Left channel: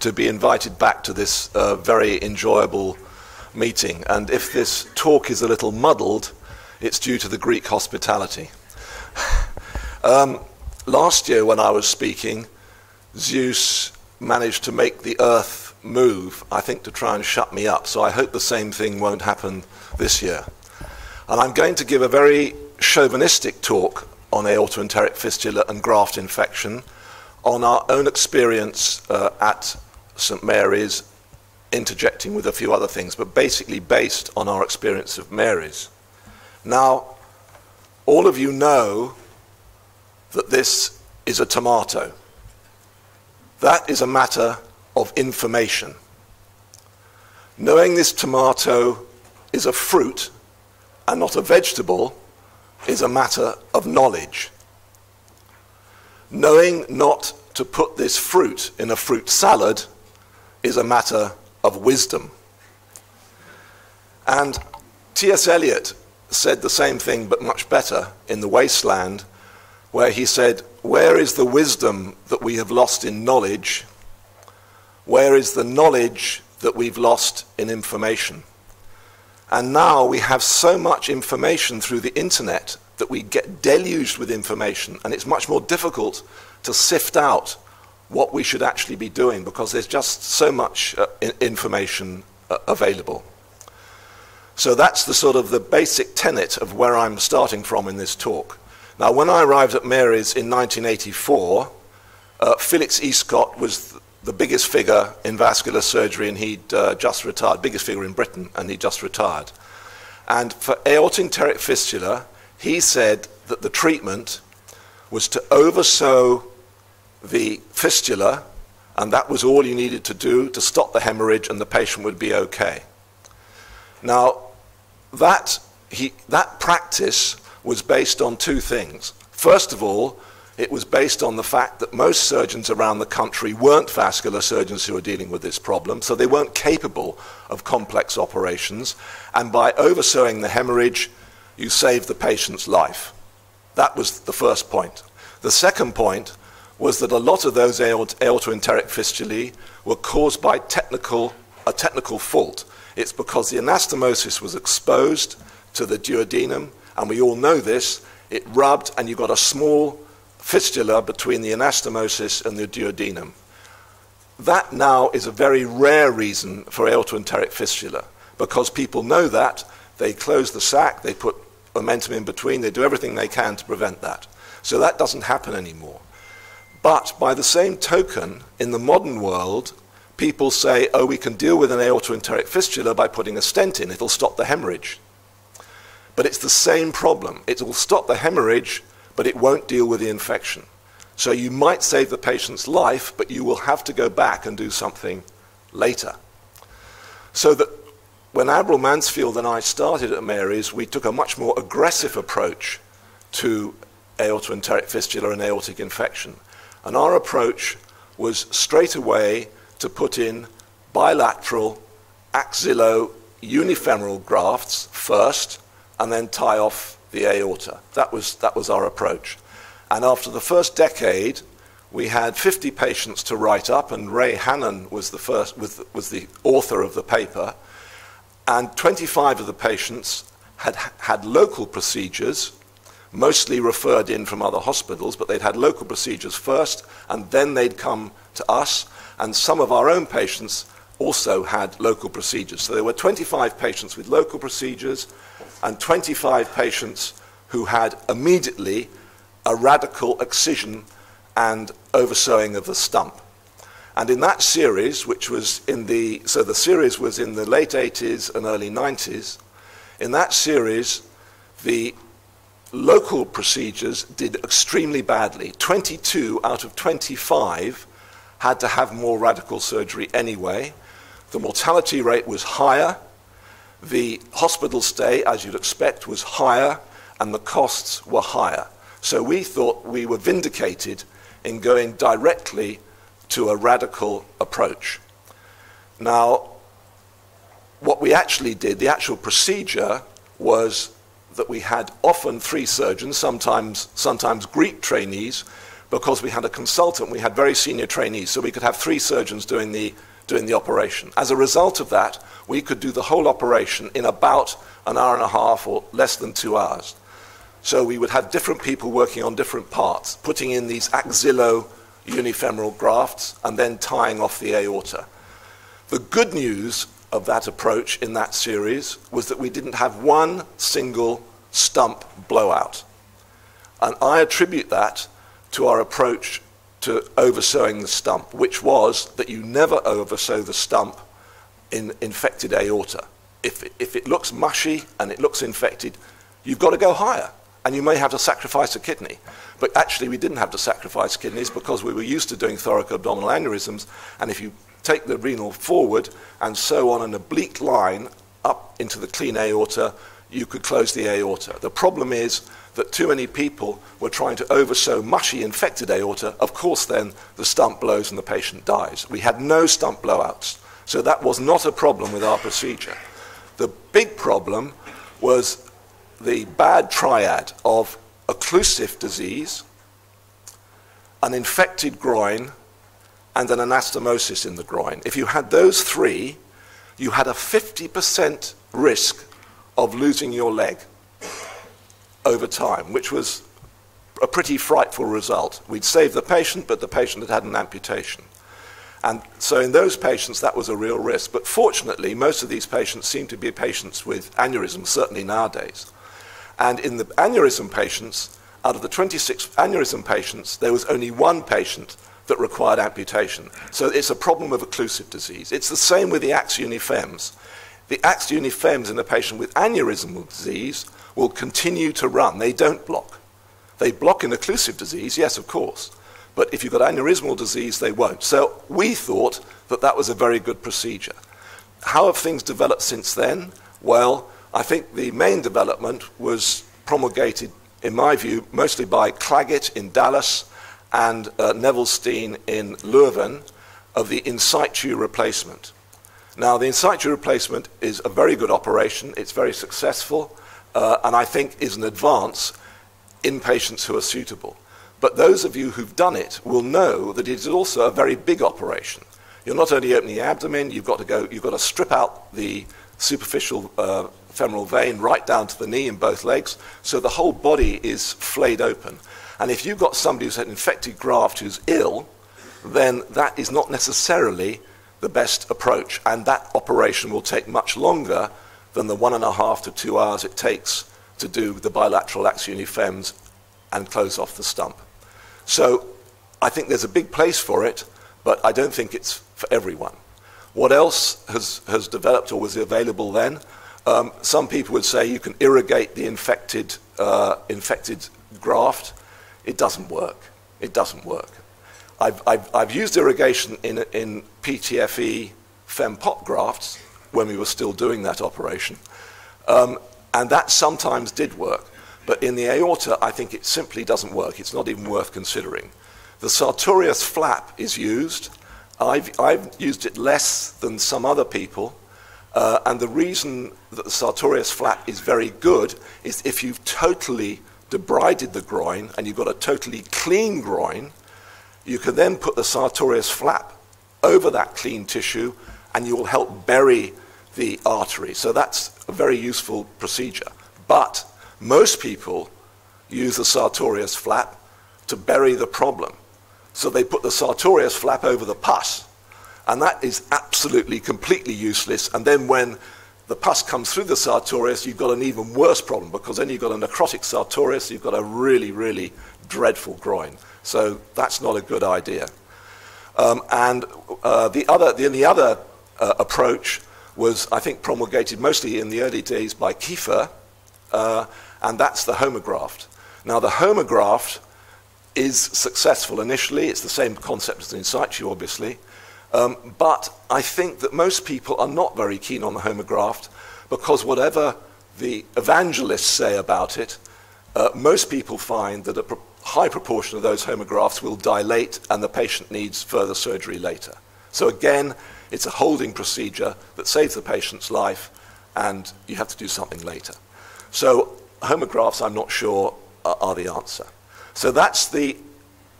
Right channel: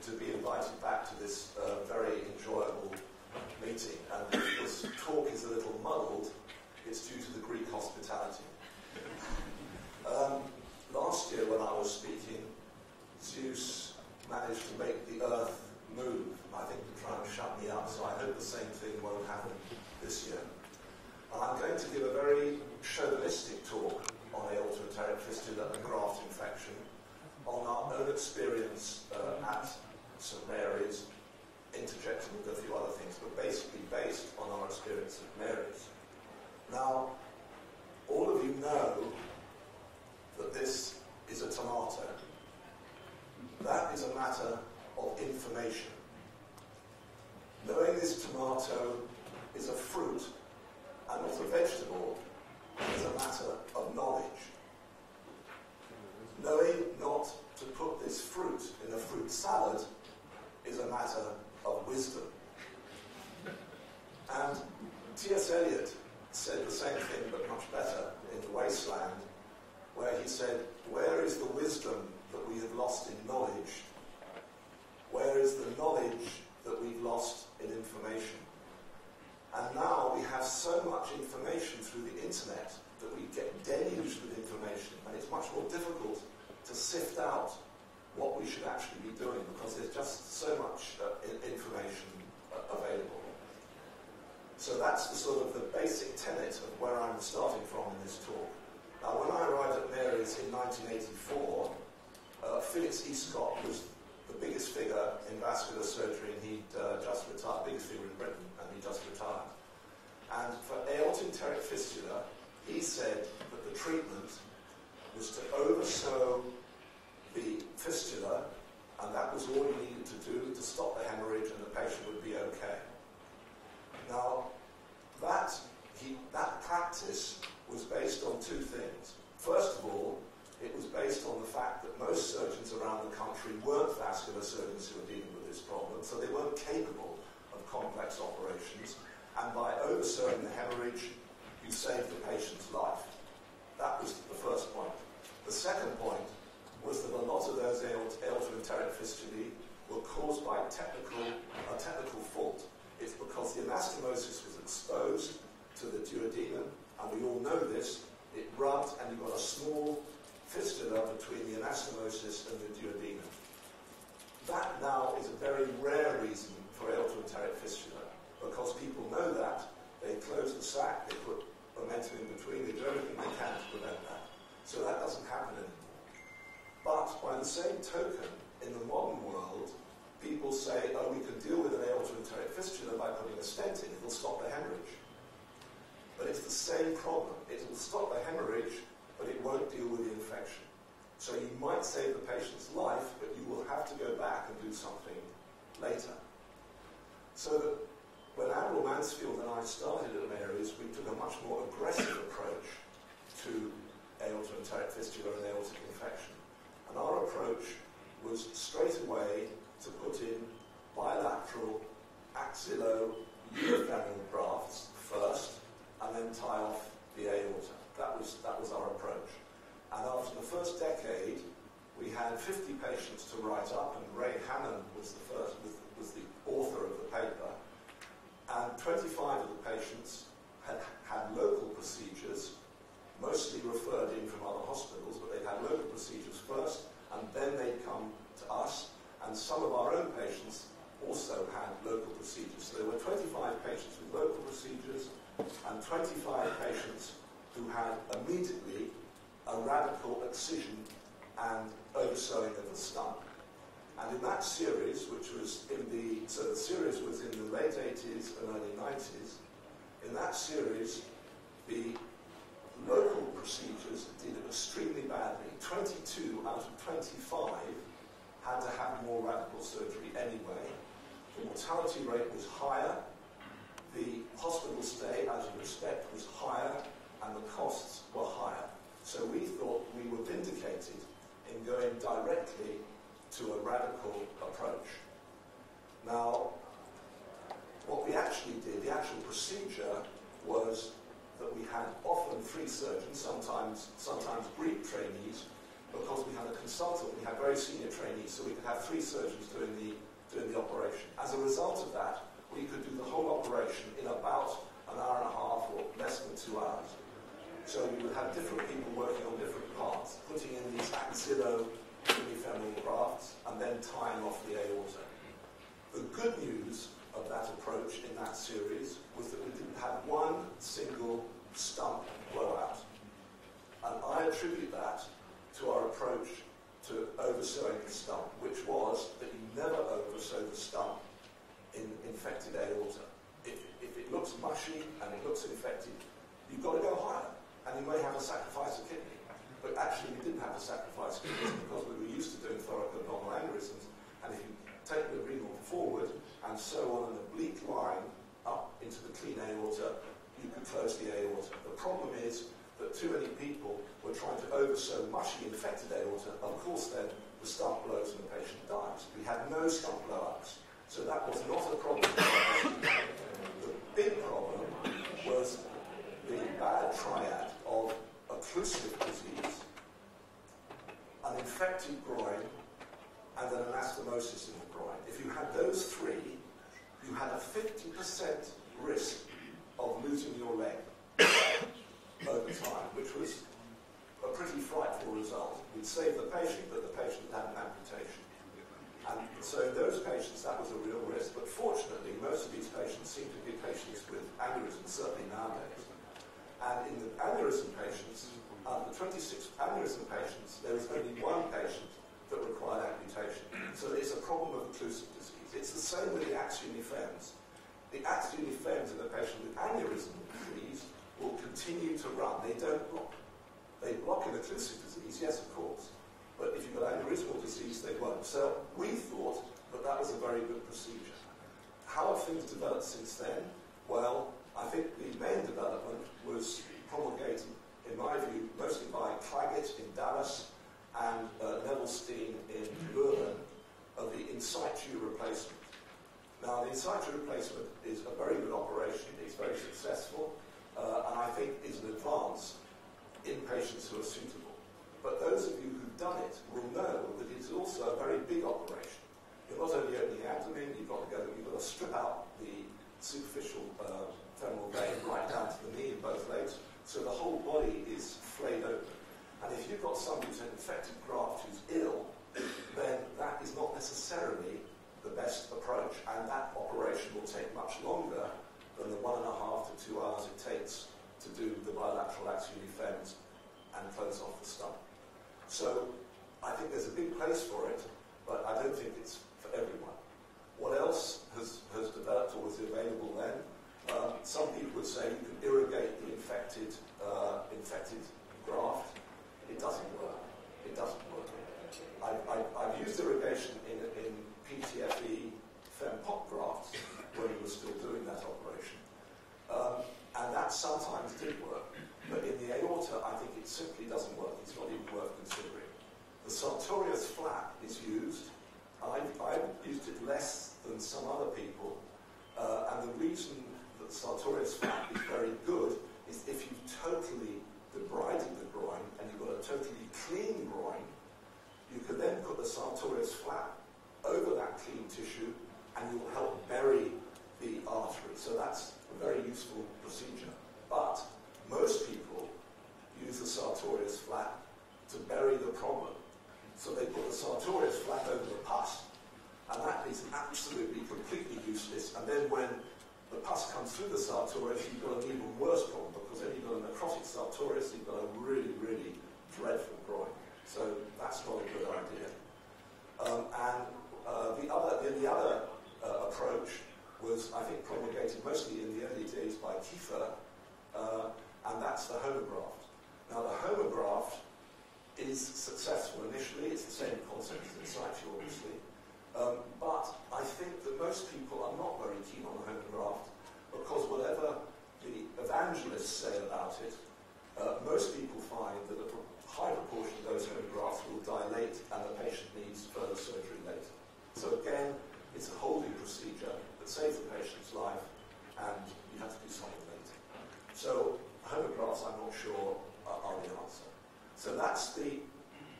to be invited back to this very enjoyable meeting. And if this talk is a little muddled, it's due to the Greek hospitality. Last year when I was speaking, Zeus managed to make the earth move, I think, to try and shut me up. So I hope the same thing won't happen this year. And I'm going to give a very chauvinistic talk on aortoenteric fistula and graft infection, on our own experience at St. Mary's, interjecting with a few other things, but basically based on our experience of Mary's. Now, all of you know that this is a tomato. That is a matter of information. Knowing this tomato is a fruit and not a vegetable is a matter of knowledge. Knowing not to put this fruit in a fruit salad is a matter of wisdom. And T.S. Eliot said the same thing, but much better, in The Wasteland, where he said, "Where is the wisdom that we have lost in knowledge? Where is the knowledge that we've lost in information?" And now we have so much information through the internet that we get deluged with information, and it's much more difficult to sift out what we should actually be doing because there's just so much information available. So that's the sort of the basic tenet of where I'm starting from in this talk. Now, when I arrived at Mary's in 1984, Felix Escott was the biggest figure in vascular surgery, and he'd just retired, biggest figure in Britain, and he'd just retired. And for aortoenteric fistula, he said that the treatment was to oversew the fistula, and that was all you needed to do to stop the hemorrhage, and the patient would be okay. Now, that practice was based on two things. First of all, it was based on the fact that most surgeons around the country weren't vascular surgeons who were dealing with this problem, so they weren't capable of complex operations, and by oversewing the hemorrhage, you saved the patient's life. That was the first point. The second point was that a lot of those aortoenteric fistulae were caused by a technical fault. It's because the anastomosis was exposed to the duodenum, and we all know this. It rubbed, and you got a small fistula between the anastomosis and the duodenum. That now is a very rare reason for aortoenteric fistula, because people know that, they close the sac, they put momentum in between, they do everything they can to prevent that. So that doesn't happen anymore. But by the same token, in the modern world, people say, oh, we can deal with an aortoenteric fistula by putting a stent in, it'll stop the hemorrhage. But it's the same problem. It will stop the hemorrhage, but it won't deal with the infection. So you might save the patient's life, but you will have to go back and do something later. So that when Admiral Mansfield and I started at Mary's, we took a much more aggressive approach to aortoenteric fistula and aortic infection. And our approach was straight away to put in bilateral axillo-unifemoral grafts first, and then tie off the aorta. That was our approach. And after the first decade, we had 50 patients to write up, and Ray Hannon was the author of the paper, and 25 of the patients had local procedures, mostly referred in from other hospitals, but they'd had local procedures first, and then they'd come to us, and some of our own patients also had local procedures. So there were 25 patients with local procedures, and 25 patients who had immediately a radical excision and oversewing of the stump. And in that series, which was the series was in the late 80s and early 90s, in that series, the local procedures did extremely badly. 22 out of 25 had to have more radical surgery anyway. The mortality rate was higher. The hospital stay, as you'd expect, was higher, and the costs were higher. So we thought we were vindicated in going directly to a radical approach. Now, what we actually did, the actual procedure, was that we had often 3 surgeons, sometimes Greek trainees, because we had a consultant, we had very senior trainees, so we could have 3 surgeons doing the operation. As a result of that, we could do the whole operation in about an hour and a half or less than 2 hours. So we would have different people working on different parts, putting in these axillo-unifemoral grafts and then tying off the aorta. The good news of that approach in that series was that we didn't have one single stump blowout. And I attribute that to our approach to oversewing the stump, which was that you never oversew the stump in infected aorta. If it looks mushy and it looks infected, you've got to go higher, and you may have to sacrifice a kidney. But actually, we didn't have to sacrifice kidneys because we were used to doing thoracoabdominal aneurysms, and if you take the renal forward and sew on an oblique line up into the clean aorta, you could close the aorta. The problem is that too many people were trying to oversew mushy infected aorta. Of course, then the stump blows and the patient dies. We had no stump blowouts, so that was not a problem with our procedure. The big problem was the bad triad of occlusive disease, an infected groin, and an anastomosis in the groin. If you had those 3, you had a 50% risk of losing your leg over time, which was a pretty frightful result. We'd saved the patient, but the patient had had an amputation. And so in those patients, that was a real risk. But fortunately, most of these patients seem to be patients with aneurysms, certainly nowadays. And in the aneurysm patients, out of the 26 aneurysm patients, there was only 1 patient that required amputation. So it's a problem of occlusive disease. It's the same with the ax unifems. The ax unifems in a patient with aneurysmal disease will continue to run. They don't block. They block in occlusive disease, yes, of course. But if you've got aneurysmal disease, they won't. So we thought that that was a very good procedure. How have things developed since then? Well, I think the main development was promulgated, in my view, mostly by Claggett in Dallas and Neville Steen in Leuven, of the in situ replacement. Now, the in situ replacement is a very good operation. It's very successful, and I think is an advance in patients who are suitable. But those of you who've done it will know that it is also a very big operation. You're not only opening the abdomen, you've got to strip out the superficial femoral vein right down to the knee in both legs, so the whole body is flayed open. And if you've got somebody who's had an infected graft who's ill, then that is not necessarily the best approach, and that operation will take much longer than the 1.5 to 2 hours it takes to do the bilateral ax unifems and close off the stump. So I think there's a big place for it, but I don't think it's for everyone. What else has developed or was available then? Some people would say you can irrigate the infected graft. It doesn't work. It doesn't work. I've used irrigation in PTFE fem-pop grafts when we were still doing that operation, and that sometimes did work. But in the aorta, I think it simply doesn't work. It's not even worth considering. The sartorius flap is used. I've used it less than some other people, and the reason that the sartorius flap is very good is if you've totally debrided the groin and you've got a totally clean groin, you can then put the sartorius flap over that clean tissue and you will help bury the artery. So that's a very useful procedure. But most people use the sartorius flap to bury the problem. So they put the sartorius flap over the pus, and that is absolutely, completely useless. And then when the pus comes through the sartorius, you've got an even worse problem, because then you've got a necrotic sartorius, you've got a really, really dreadful groin. So that's not a good idea. The other approach was, I think, promulgated mostly in the early days by Kiefer, and that's the homograft. Now, the homograft is successful initially. It's the same concept as the in situ, obviously. But I think that most people are not very keen on the homograft, because whatever the evangelists say about it, most people find that a high proportion of those homografts will dilate and the patient needs further surgery later. So again, it's a holding procedure that saves the patient's life, and you have to do something later. So homografts, I'm not sure, are the answer. So that's the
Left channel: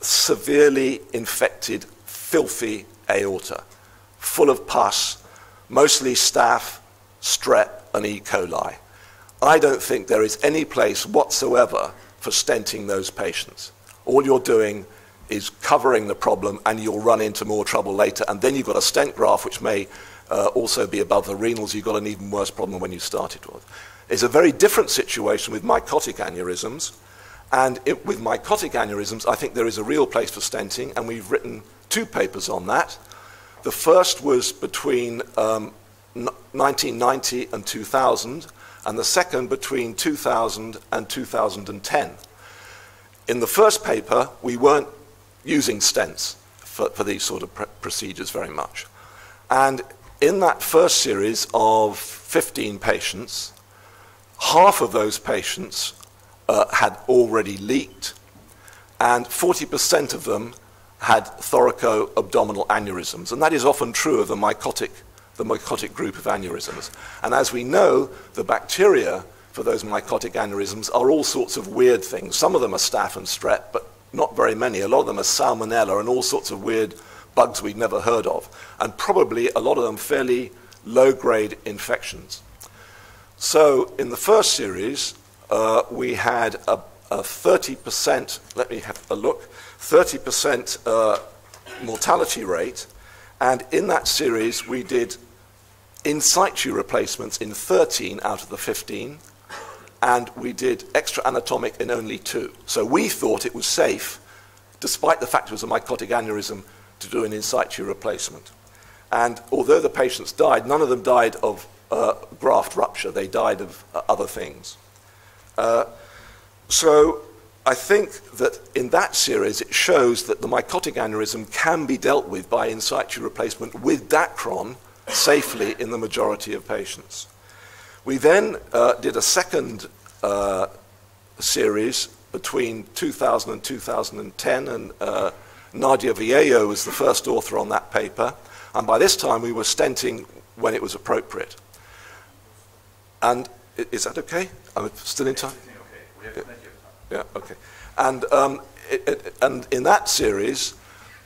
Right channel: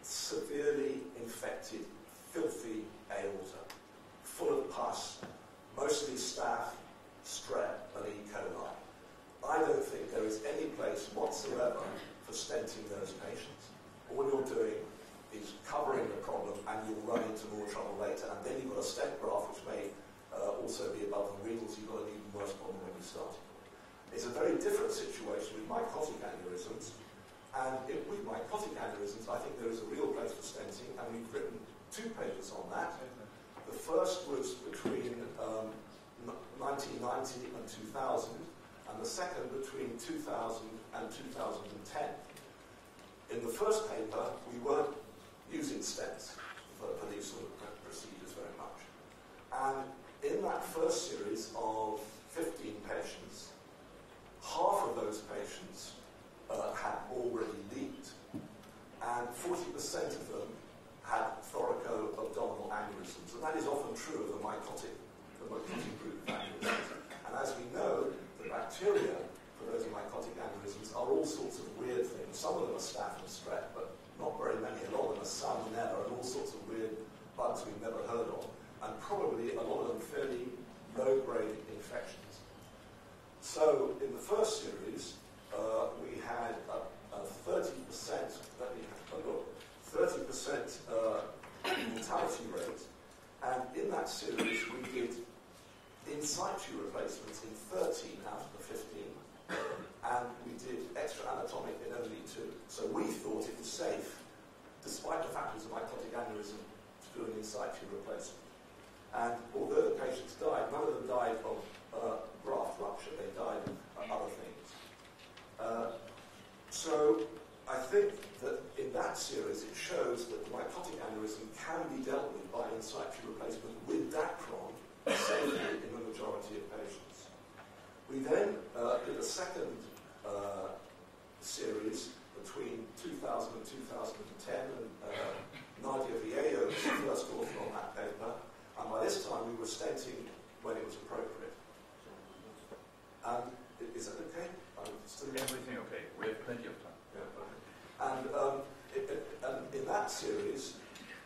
severely infected, filthy aorta, full of pus, mostly staph, strep, and E. coli. I don't think there is any place whatsoever for stenting those patients. All you're doing is covering the problem, and you'll run into more trouble later. And then you've got a stent graft, which may also be above the renals. You've got an even worse problem than when you started with. It's a very different situation with mycotic aneurysms. And with mycotic aneurysms, I think there is a real place for stenting, and we've written 2 papers on that. The first was between 1990 and 2000, and the second between 2000 and 2010. In the first paper, we weren't using stents for these sort of procedures very much. And in that first series of 15 patients, half of those patients had already leaked, and 40% of them had thoracoabdominal aneurysms. And that is often true of the mycotic group of aneurysms. And as we know, the bacteria for those mycotic aneurysms are all sorts of weird things. Some of them are staph and strep, but not very many. A lot of them are salmonella and all sorts of weird bugs we'd never heard of. And probably a lot of them fairly low-grade infections. So in the first series, we had a 30%, let me have a look, 30% mortality rate. And in that series, we did in situ replacements in 13 out of the 15, and we did extra anatomic in only 2. So we thought it was safe, despite the fact it was a mycotic aneurysm, to do an in situ replacement. And although the patients died, none of them died of graft rupture. They died of other things. So I think that in that series, it shows that the mycotic aneurysm can be dealt with by in situ replacement with Dacron safely in the majority of patients. We then did a second series between 2000 and 2010, and Nadia Viejo was the first author on that paper. And by this time, we were stenting when it was appropriate. And is that okay? I'm still in time? Everything okay. We have plenty of time. Yeah, okay. And in that series,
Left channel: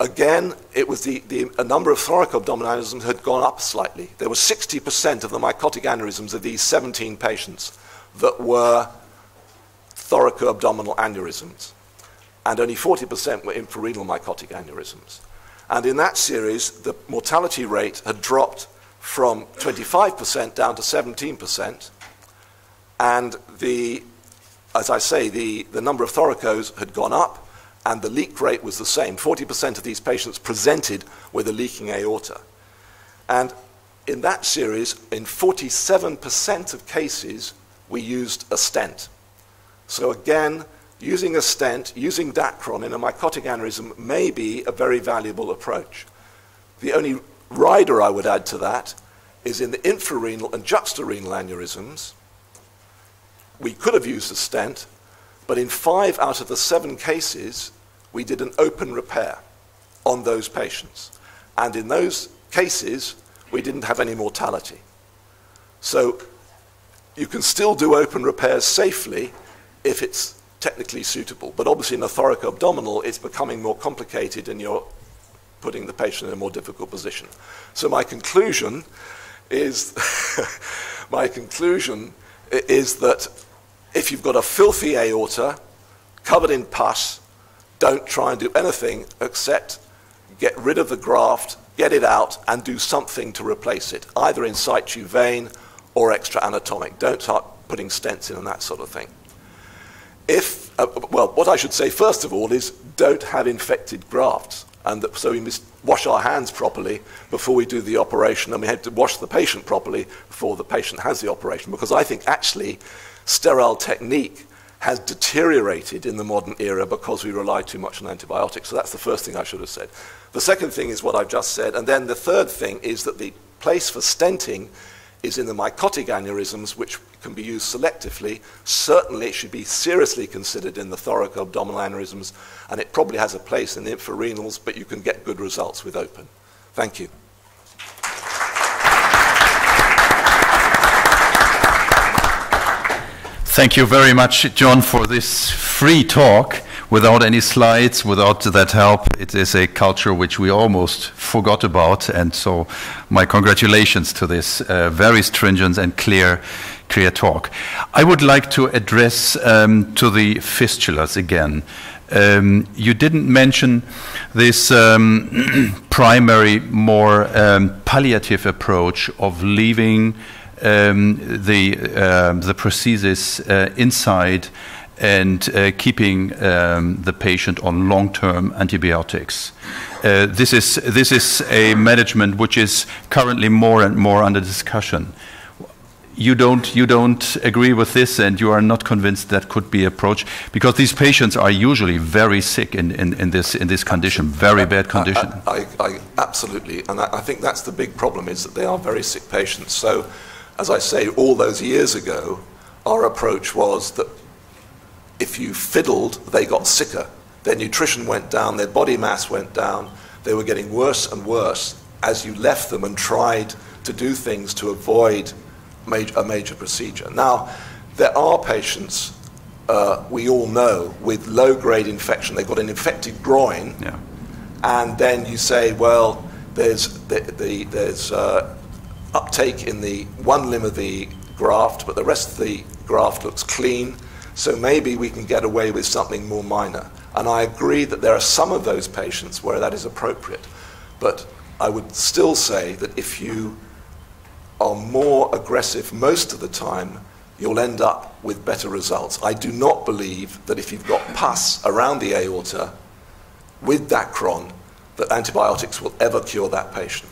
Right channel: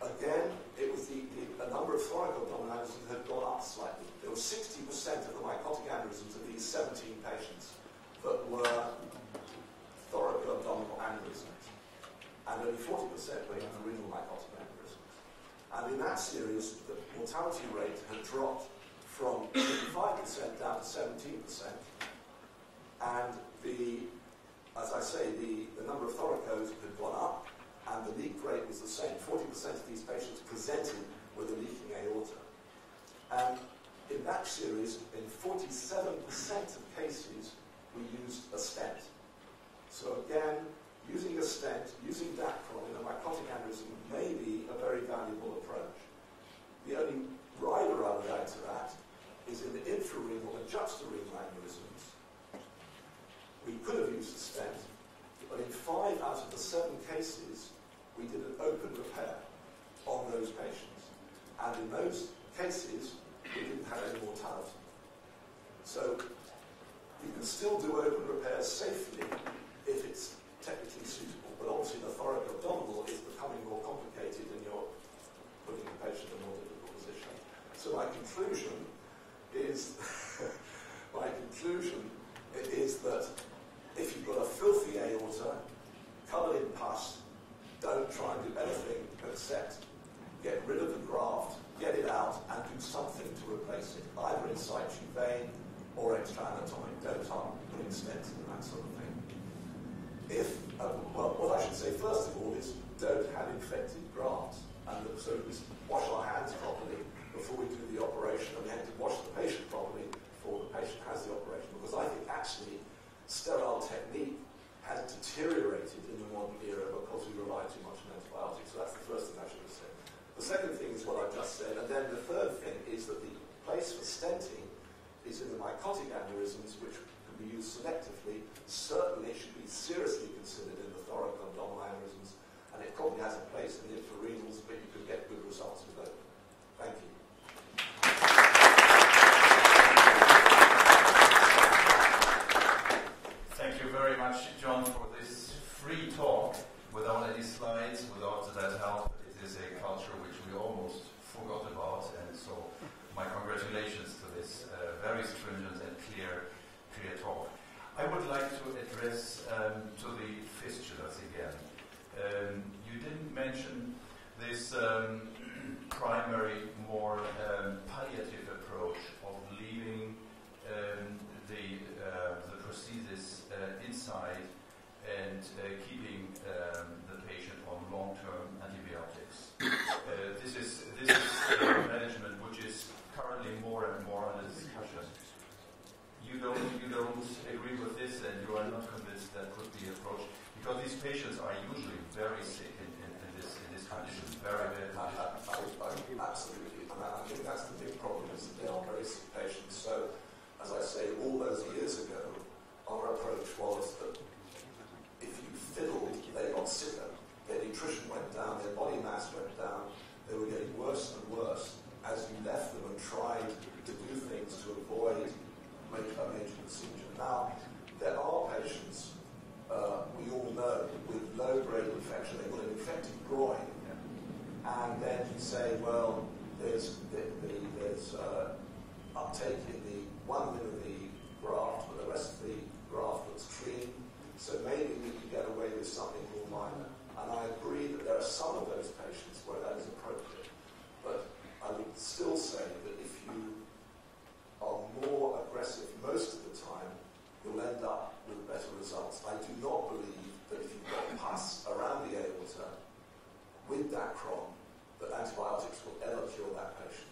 again, it was a number of thoracoabdominal aneurysms had gone up slightly. There was 60% of the mycotic aneurysms of these 17 patients that were thoracoabdominal aneurysms, and only 40% were infrarenal mycotic aneurysms. And in that series, the mortality rate had dropped from 25% down to 17%, and as I say, the number of thoracos had gone up, and the leak rate was the same. 40% of these patients presented with a leaking aorta. And in that series, in 47% of cases, we used a stent. So again, using a stent, using Dacron in a mycotic aneurysm may be a very valuable approach. The only rider I would add to that is in the infrarenal and juxtarenal aneurysms, we could have used a stent, but in 5 out of the 7 cases, we did an open repair on those patients. And in those cases, we didn't have any mortality. So you can still do open repairs safely if it's technically suitable. But obviously in a thoracoabdominal, it's becoming more complicated and you're putting the patient in a more difficult position. So my conclusion is, that if you've got a filthy aorta covered in pus, don't try and do anything except get rid of the graft, get it out, and do something to replace it, either in situ vein or extra anatomic. Don't start putting stents in and that sort of thing. What I should say first of all is don't have infected grafts. And so we must wash our hands properly before we do the operation, and we have to wash the patient properly before the patient has the operation, because I think actually sterile technique has deteriorated in the modern era because we rely too much on antibiotics. So that's the first thing I should have said. The second thing is what I've just said, and then the third thing is that the place for stenting is in the mycotic aneurysms, which can be used selectively. Certainly it should be seriously considered in the thoracoabdominal aneurysms, and it probably has a place in the infrarenals, but you can get good results with open. Thank you. Thank you very much, John, for this free talk. without any slides, without that help. It is a culture which we almost forgot about, and so my congratulations to this very stringent and clear talk. I would like to address to the fistulas again. You didn't mention this primary, more palliative approach of leaving the prosthesis inside and keeping the patient on long-term antibiotics. This is a management which is currently more and more under discussion. You don't agree with this, and you are not convinced that could be approach, because these patients are usually very sick in this condition, very bad condition. I absolutely, and I think that's the big problem, is that they are very sick patients. So, as I say, all those years ago, our approach was that if you fiddled, they got sicker. Their nutrition went down, their body mass went down, they were getting worse and worse as you left them and tried to do things to avoid a major procedure. Now, there are patients, we all know, with low-grade infection. They've got an infected groin, yeah. And then you say, well, there's uptake in the one limb of the graft, but the rest of the graft looks clean, so maybe we can get away with something more minor. And I agree that there are some of those patients where that is appropriate. But I would still say that if you are more aggressive most of the time, you'll end up with better results. I do not believe that if you've got pus around the aorta with Dacron, that antibiotics will ever cure that patient.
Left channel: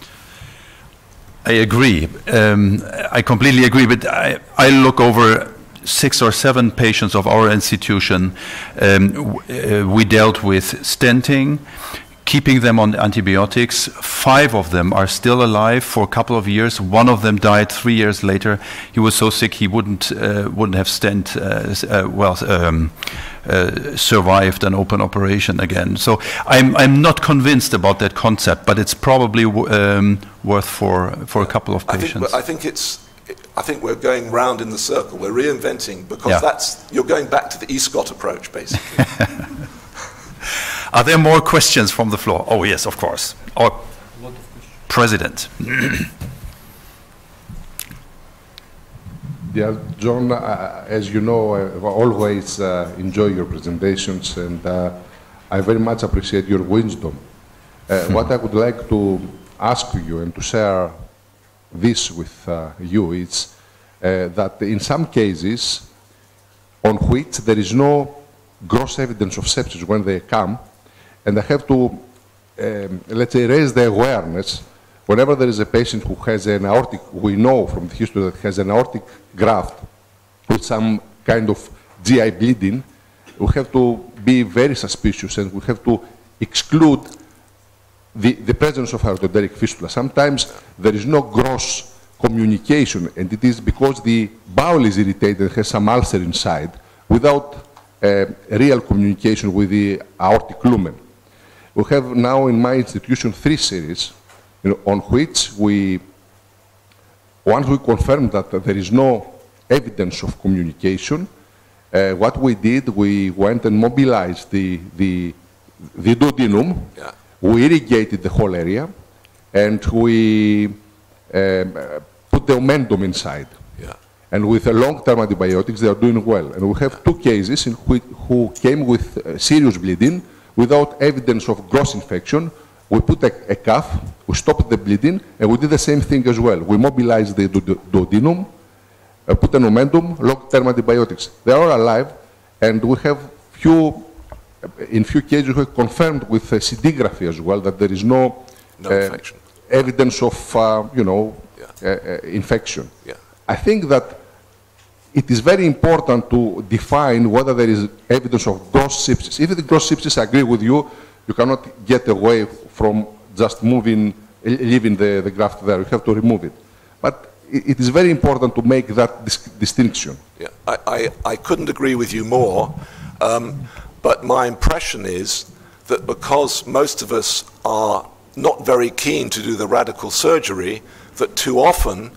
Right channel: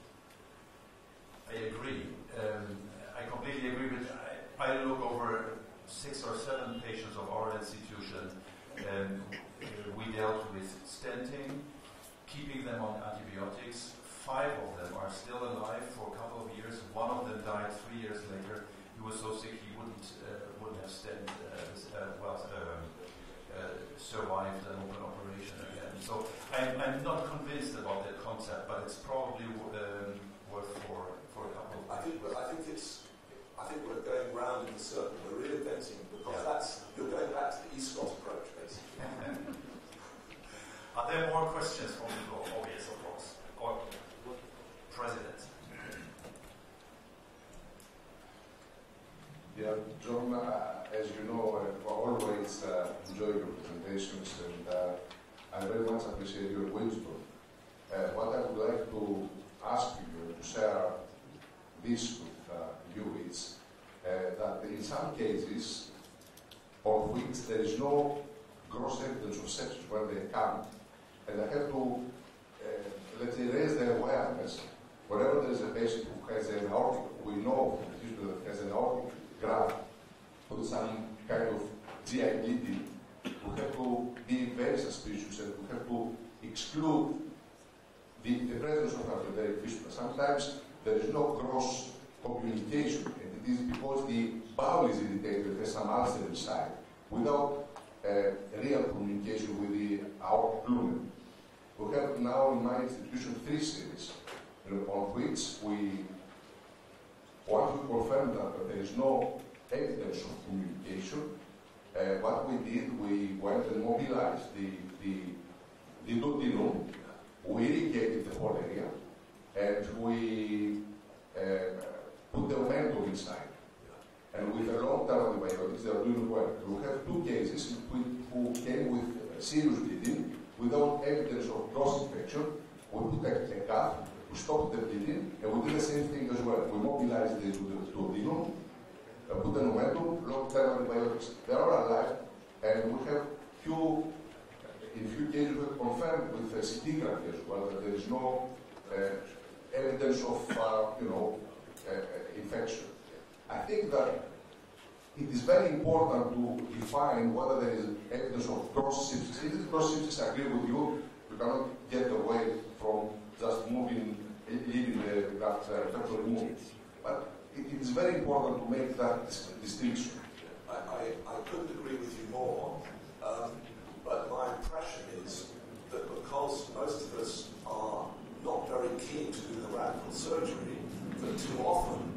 I agree. I completely agree, but I look over 6 or 7 patients of our institution. We dealt with stenting, keeping them on antibiotics. 5 of them are still alive for a couple of years. 1 of them died 3 years later. He was so sick he wouldn't have survived an open operation again. So I'm not convinced about that concept, but it's probably worth for a couple of patients. I think we're going round in the circle. We're reinventing, because you're going back to the Escott approach, basically. Are there more questions from the floor? Oh, yes, of course. Our President. Yeah, John, as you know, I always enjoy your presentations, and I very much appreciate your wisdom. What I would like to ask you and to share this with you is that in some cases on which there is no gross evidence of sepsis when they come, and I have to, let's say, raise the awareness whenever there is a patient who has an aortic, we know from the history that has an aortic graft with some kind of GI bleeding, we have to be very suspicious, and we have to exclude the presence of aortoenderic fistula. Sometimes there is no gross communication, and it is because the bowel is irritated and has some ulcer inside without real communication with the aortic lumen. We have now in my institution 3 series on which once we confirmed that there is no evidence of communication, what we did, we went and mobilized the duodenum. Yeah. We irrigated the whole area, and we put the omentum inside. Yeah. And with the long-term antibiotics, they are doing well. And we have 2 cases in who came with serious bleeding without evidence of gross infection. We put a cuff, we stopped the bleeding, and we did the same thing as well. We mobilized the duodenum, put an omentum, long-term antibiotics. They are all alive, and we have in few cases we have confirmed with scintigraphy as well that there is no evidence of infection. Yeah. I think that it is very important to define whether there is evidence of gross sepsis. If the gross sepsis, I agree with you, you cannot get away from just leaving the graft there. You have to remove it. But it is very important to make that distinction. Yeah, I couldn't agree with you more, but my impression is that because most of us are not very keen to do the radical surgery, that too often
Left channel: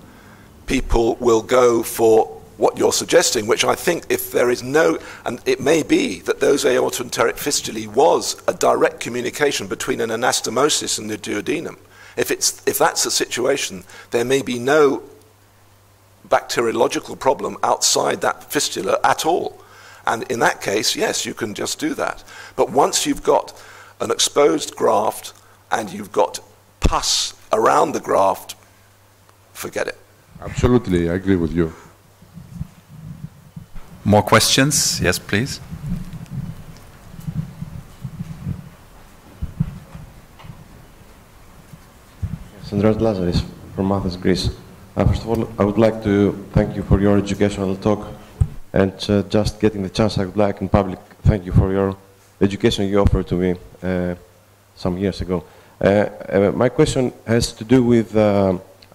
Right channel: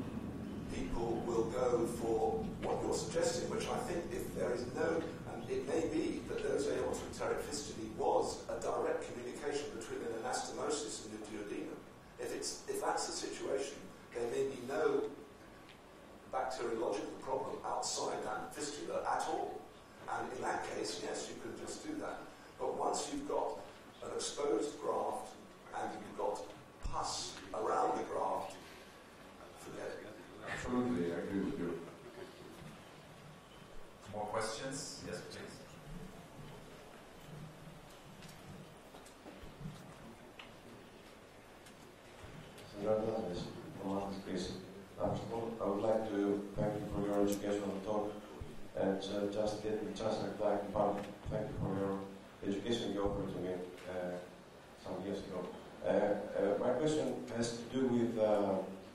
people will go for what you're suggesting, which I think if there is no, and it may be that those aortoenteric fistulae was a direct communication between an anastomosis and the duodenum. If that's the situation, there may be no bacteriological problem outside that fistula at all. And in that case, yes, you can just do that. But once you've got an exposed graft and you've got pus around the graft, forget it. Absolutely, I agree with you. More questions? Yes, please. Andreas Lazaris from Athens, Greece. First of all, I would like to thank you for your educational talk, and just getting the chance, I would like in public thank you for your education you offered to me some years ago. My question has to do with,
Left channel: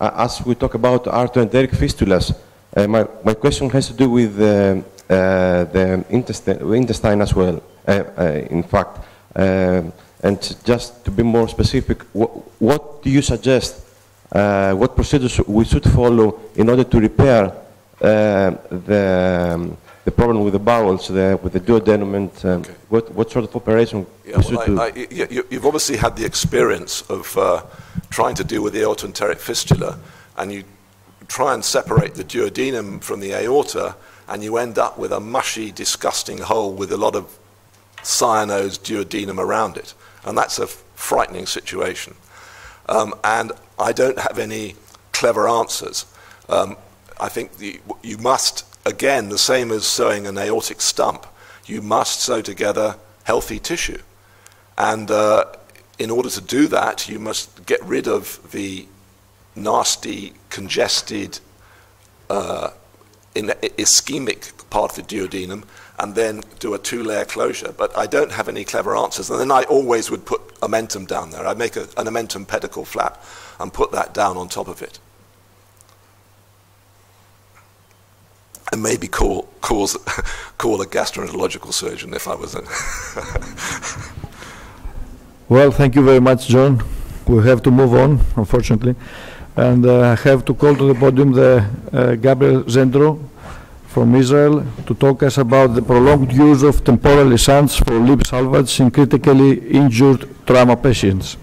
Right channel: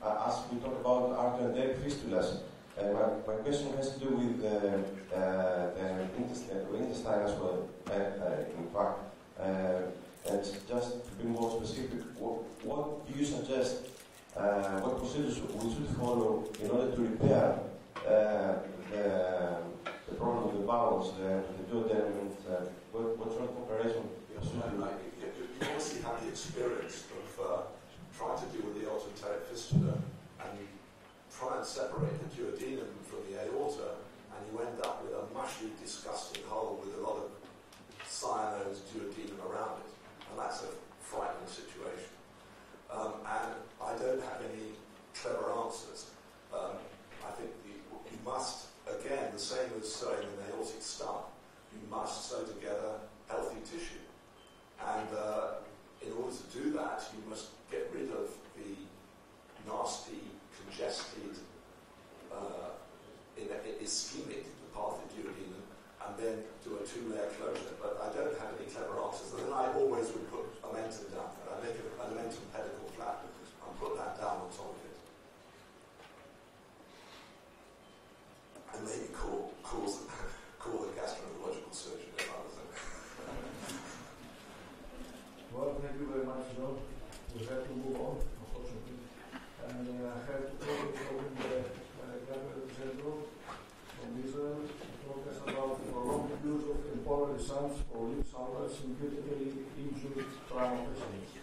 as we talk about aortoenteric fistulas, my question has to do with the intestine as well, in fact. And just to be more specific, what do you suggest, what procedures we should follow in order to repair the problem with the bowels, with the duodenum, and okay. What sort of operation we should do? You've obviously had the experience of trying to deal with the aortoenteric fistula, and you try and separate the duodenum from the aorta, and you end up with a mushy, disgusting hole with a lot of cyanosed duodenum around it. And that's a frightening situation. And I don't have any clever answers. I think you must, again, the same as sewing an aortic stump, you must sew together healthy tissue. And in order to do that, you must get rid of the nasty, congested, ischemic part of the duodenum, and then do a two-layer closure. But I don't have any clever answers. And then I always would put omentum down there. I'd make an omentum pedicle flap and put that down on top of it. And maybe call a gastroenterological surgeon if I was in. Well, thank you very much, John. We have to move on, unfortunately. And I have to call to the podium Gabriel Zendro from Israel to talk us about the prolonged use of temporal stents for lip salvage in critically injured trauma patients.